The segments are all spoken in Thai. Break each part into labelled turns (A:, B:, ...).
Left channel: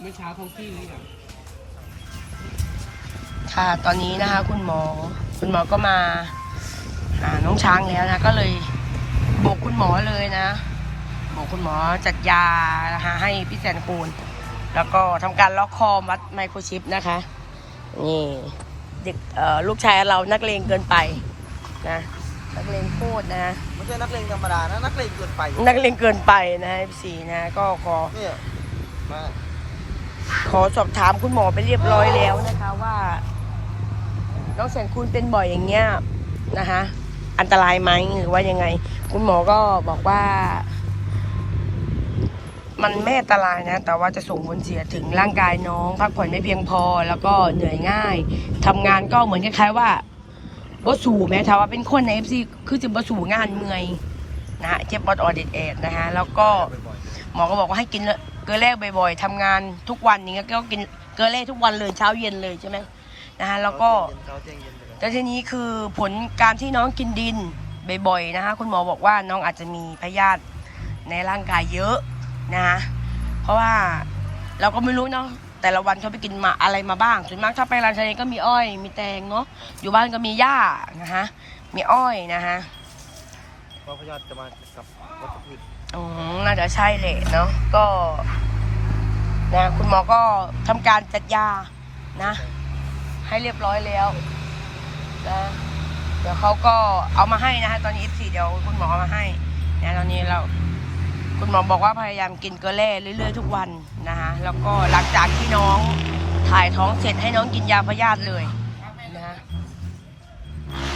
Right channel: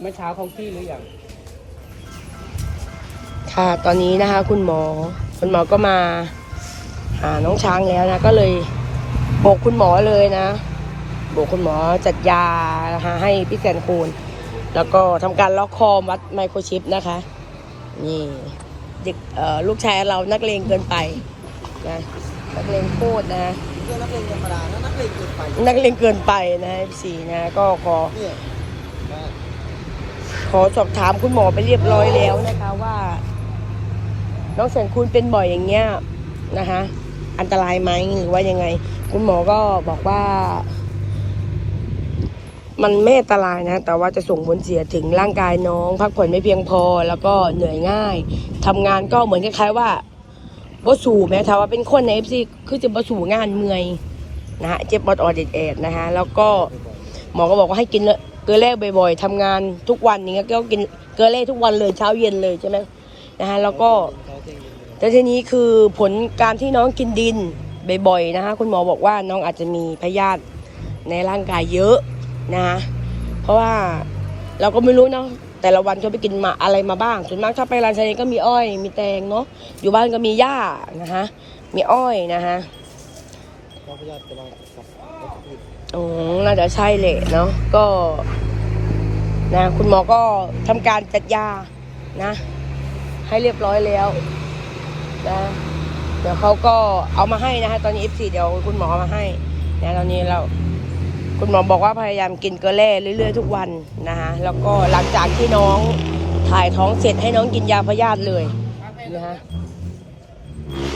A: เมื่อเช้าเขาขี้หรือยัง
B: ค่ะตอนนี้นะคะ คุณหมอ คุณหมอก็มาหาน้องช้างแล้วนะ ก็เลยบอกคุณหมอเลยนะบอกคุณหมอจัดยานะคะให้พี่แสนคูณแล้วก็ทำการล็อกคอมัดไมโครชิปนะคะ นี่เด็กเอ่อลูกชายเรานักเลงเกินไปนะ นักเลงโคตรนะ
C: ไม่ใช่นักเลงธรรมดานะนักเลงเกินไป
B: นักเลงเกินไปนะสี่นะก็ขอ
C: เนี่ยมา
B: ขอสอบถามคุณหมอไปเรียบร้อยแล้วนะคะว่า น้องแสนคูณเป็นบ่อยอย่างเงี้ยนะคะ อันตรายไหมหรือว่ายังไง คุณหมอก็บอกว่า มันไม่อันตรายนะ แต่ว่าจะส่งผลเสียถึงร่างกายน้อง พักผ่อนไม่เพียงพอ แล้วก็เหนื่อยง่ายทำงานก็เหมือนคล้ายๆว่าบ่สู่แม้ถ้าว่าเป็นคนในเอฟซีคือจะบ่สู่งานเมื่อยนะฮะเจ็บปอดออดเอ็ดๆนะคะแล้วก็หมอก็บอกว่าให้กินเก ลือแร่บ่อยๆทำงานทุกวันอย่างเงี้ยก็กินเกลือแร่ทุกวันเลยเช้าเย็นเลยใช่ไหมนะคะแล้วก็
C: เขาเจ๊งเย็นเลย
B: แต่ทีนี้คือผลการที่น้องกินดินบ่อยๆนะคะคุณหมอบอกว่าน้องอาจจะมีพยาธิในร่างกายเยอะนะคะเพราะว่าเราก็ไม่รู้เนาะแต่ละวันเขาไปกินมาอะไรมาบ้างส่วนมากถ้าไปร้านชาเลก็มีอ้อย มีแตงเนาะอยู่บ้านก็มีหญ้านะคะมีอ้อยนะคะ
C: เพราะพยาธิจะมากับวัตถุพืช
B: อ๋อน่าจะใช่แหละเนาะก็ นะคุณหมอก็ทำการจัดยานะ ให้เรียบร้อยแล้วนะเดี๋ยวเขาก็เอามาให้นะคะตอนนี้ F4 เดี๋ยวคุณหมอมาให้นะตอนนี้เราคุณหมอบอกว่าพยายามกินเกลือแร่เรื่อยๆทุกวันนะคะแล้วก็หลังจากที่น้องถ่ายท้องเสร็จให้น้องกินยาพยาธิเลยนะคะ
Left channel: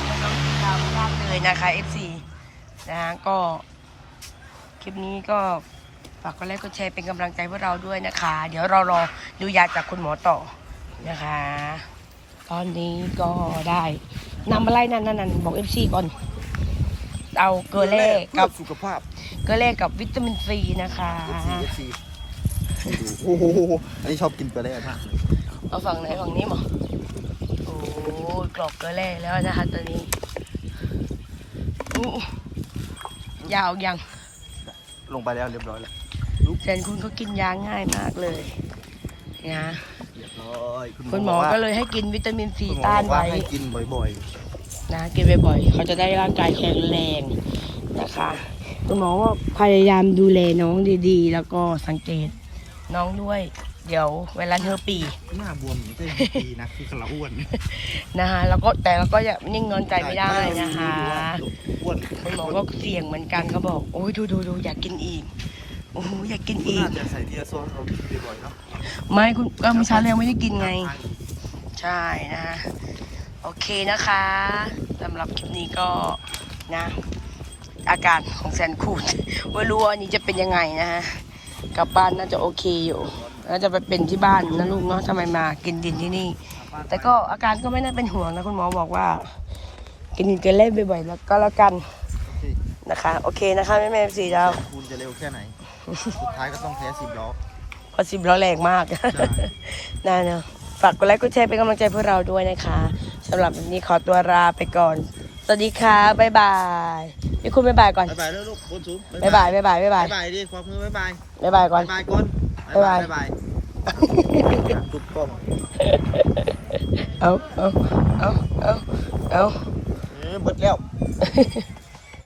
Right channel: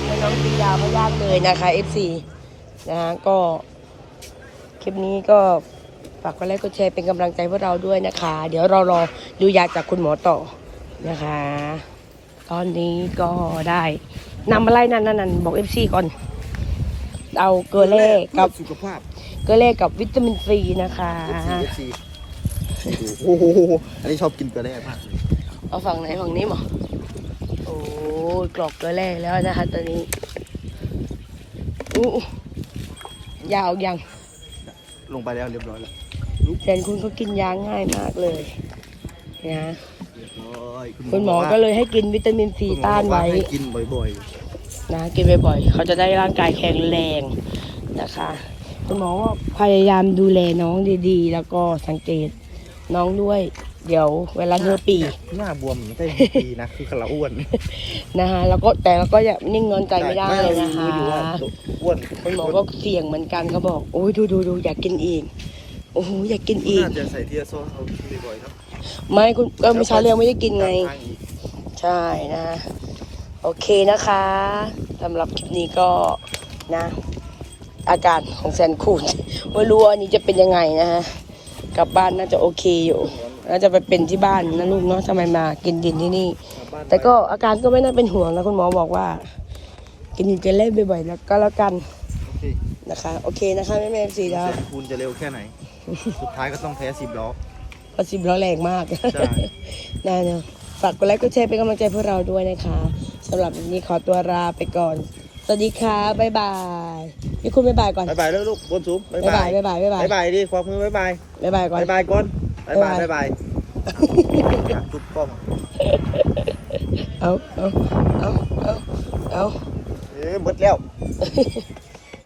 B: ให้น้องกินยาพยาธิเลยนะคะ F4 นะคะก็คลิปนี้ก็ ฝากกดไลค์กดแชร์เป็นกำลังใจพวกเราด้วยนะคะ เดี๋ยวเรารอดูยาจากคุณหมอต่อนะคะ ตอนนี้ก็ได้นำอะไรนั่นนั่นนั่นบอกเอฟซีก่อน เอาเกลือแร่
C: เพื่
B: กั
C: อบสุขภาพ
B: เกลือแร่กับวิตามินซีนะคะ
C: FC FC นี่ดูโอ้โหอันนี้ชอบกินเกลือแร่มากเลย
B: เอาฝั่งไหนฝั่งนี้หมอโอ้ยกรอกเกลือแร่แล้วนะคะตอนนี้อู้ยาวยัง
C: ลงไปแล้วเรียบร้อยแล้ว
B: แสนคุณก็กินยาง่ายมากเลยนะ
C: เรียบร้อย
B: คุณหมอก็เลยให้กินวิตามินซี
C: คุณหมอ
B: ต้า
C: บ
B: น
C: อกว่า
B: ไว้
C: ให้กินบ่อย
B: นะกินบ่อยๆเขาจะได้ร่างกายแข็งแรงนะคะคุณหมอก็พยายามดูแลน้องดีๆ แล้วก็สังเกตน้องด้วย เดี๋ยวเวลาเธอปี
C: ๆหน้าบวมไม่ใช่ปีนะ คือเราอ้วน
B: นะคะแล้วก็แต่เราก็อย่านิ่งนอนใจไม่ได้
C: ไม่เรารู้อยู่ว่า
B: นะคะ
C: อ้วน
B: คุณหมอก็เสี่ยงเหมือนกันก็บอกโอ้ยดูดูดูอยากกินอีกโอ้โหอยากกินอีก
C: น่าจะใส่เทียซอนเรากินบ่อยๆเนาะ
B: ไม่คุณก็เมื่อเช้าเรียงไม่ได้กินไง
C: ทางอีก
B: ใช่นะโอเคนะคะสำหรับคลิปนี้ก็นะ อาการของแซนคูนไม่รู้ว่าอันนี้จะเป็นยังไงนะฮะกลับบ้านน่าจะโอเคอยู่ น่าจะไปเป็นที่บ้านนะลูกเนาะทำไมมากินดินที่นี่
C: กลับบ้าน
B: แต่ก็อาการก็ไม่น่าเป็นห่วงนะคุณหมอบอกว่า กินกันเล่นบ่อยๆแล้วก็แล้วกัน
C: โอเค
B: นะคะ โอเคนะคะแม่แม่สี่ดาว
C: คุณจะเร็วแค่ไหน สุดท้ายก็ต้องแพ้สิบล้อ
B: พอสิบล้อแรงมาก
C: ใช่
B: น่าเนอะฝากกดไลค์กดแชร์เป็นกำลังใจพวกเราด้วยนะคะสำหรับวันนี้ขอตัวลาไปก่อน สวัสดีค่ะบ๊ายบายพี่คุณบ๊ายบายก่อน
C: บายบายแล้วลูกบนสูง
B: บ๊ายบายบ๊ายบายบ๊ายบาย
C: บายบายดิความมือบายบาย
B: บ๊ายบายก่อน
C: บายบายก่อน บายบายบายบายอยากจุกกล้อง
B: เอาเอาเอาเอาเอา
C: เอ๊ะหมดแล้ว